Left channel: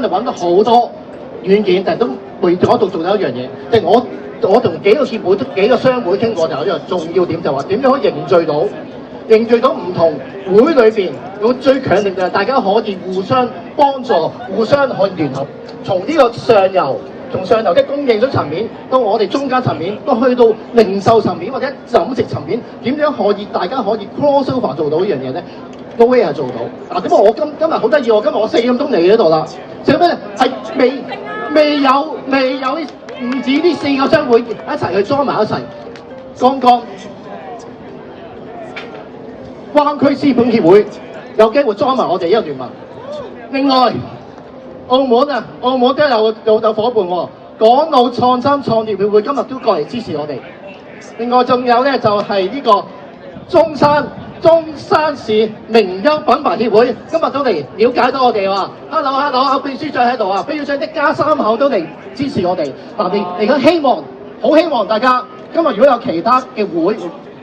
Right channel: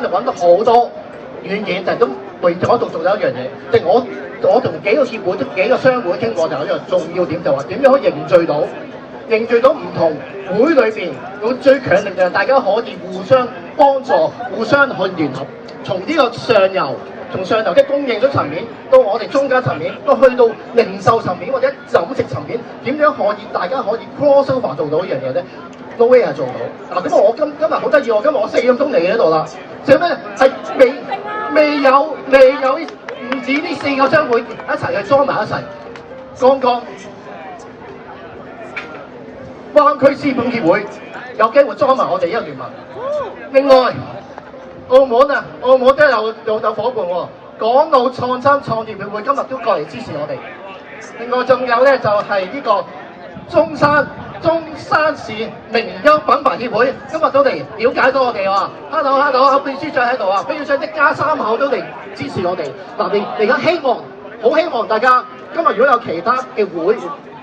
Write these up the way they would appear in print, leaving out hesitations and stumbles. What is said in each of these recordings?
間就揾到好多軟件，但係都為咗做一樣嘢，即係我同幾個協會、幾個商會傾過，就有一樣重要點，就話點樣可以凝聚到唔同會裏邊，我最強烈就係大家可以互相幫助、互相可以聯合，從呢個上游的供應商層面，到我哋中間層面，都去到零售層面或者飲食層面，點樣可以大家可以 cross over 做到呢樣嘢咧？都係做到。嗱，點解我今日好得意喎？今日我4點鐘嚟呢度啦，就咩？係未有唔止呢4個商會一齊去裝埋一齊。剛剛灣區資本協會有機會裝埋我哋呢個聯盟。另外，澳門都有伙伴喎，港澳創新創業協會今日都過嚟支持我哋。另外仲有咧就係呢個中山市名優品牌協會今日都嚟了解到我哋喎。Hello， 秘書長喺度啊，秘書長一家3口都嚟支持我哋。嗱，嚟緊好希望大家今日如果有其他嘅會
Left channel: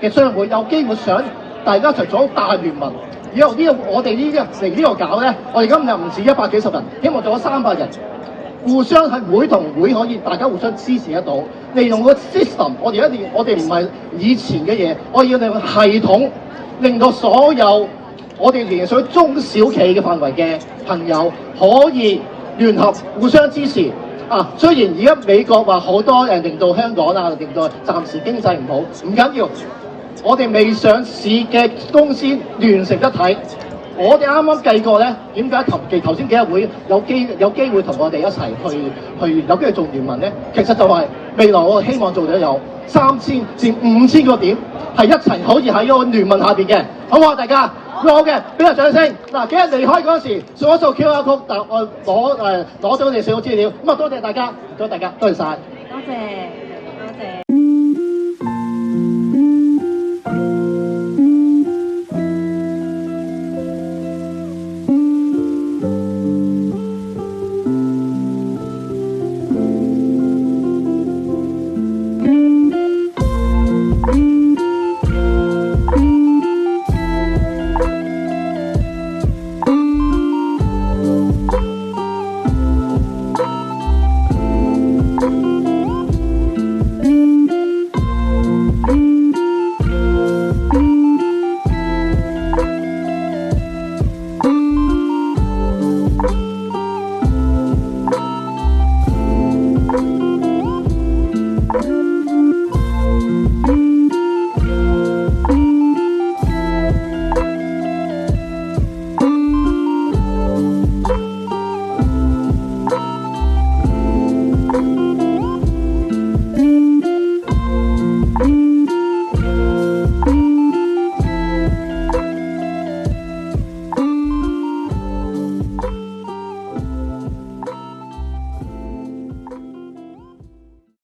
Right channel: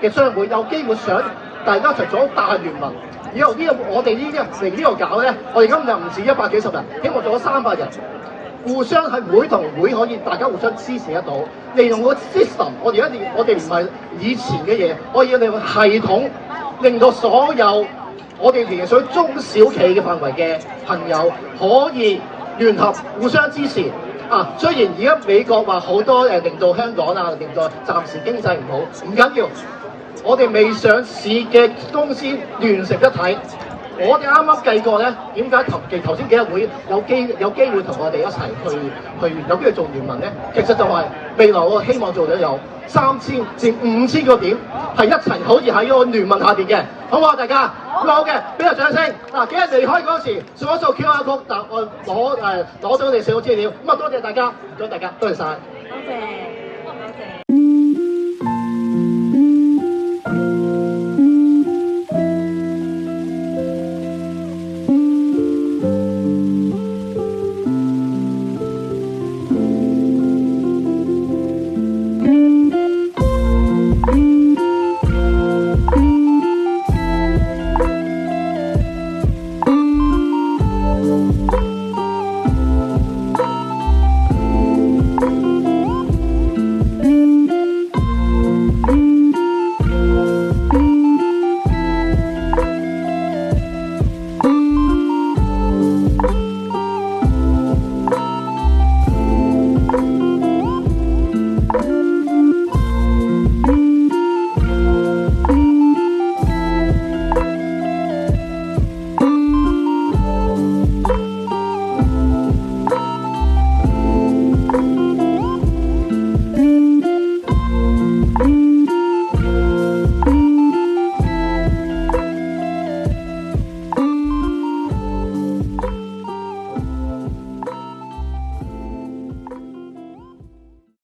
嘅商會有機會想大家一齊做大聯盟。以後我哋嚟呢度搞咧，我哋今日唔止100幾十人，希望做咗300人，互相係會同會可以大家互相支持得到。利用個 system， 我哋唔係以前嘅嘢，我要利用系統，令到所有我哋連水中小企嘅範圍嘅朋友可以聯合互相支持。雖然而家美國話好多令到香港令到暫時經濟唔好，唔緊要。我哋未上市嘅公司聯成一體，我哋啱啱計過咧，點解頭先幾日會有機會同我哋一齊去有機會做聯盟咧？其實就係未來我希望做到有3000至5000個點，係一齊可以喺個聯盟下邊嘅，好唔好啊？大家好嘅，俾個掌聲。嗱，幾日離開嗰時掃一掃 QR code， 攞到你哋所有資料。咁啊，多謝大家，多謝晒。多謝。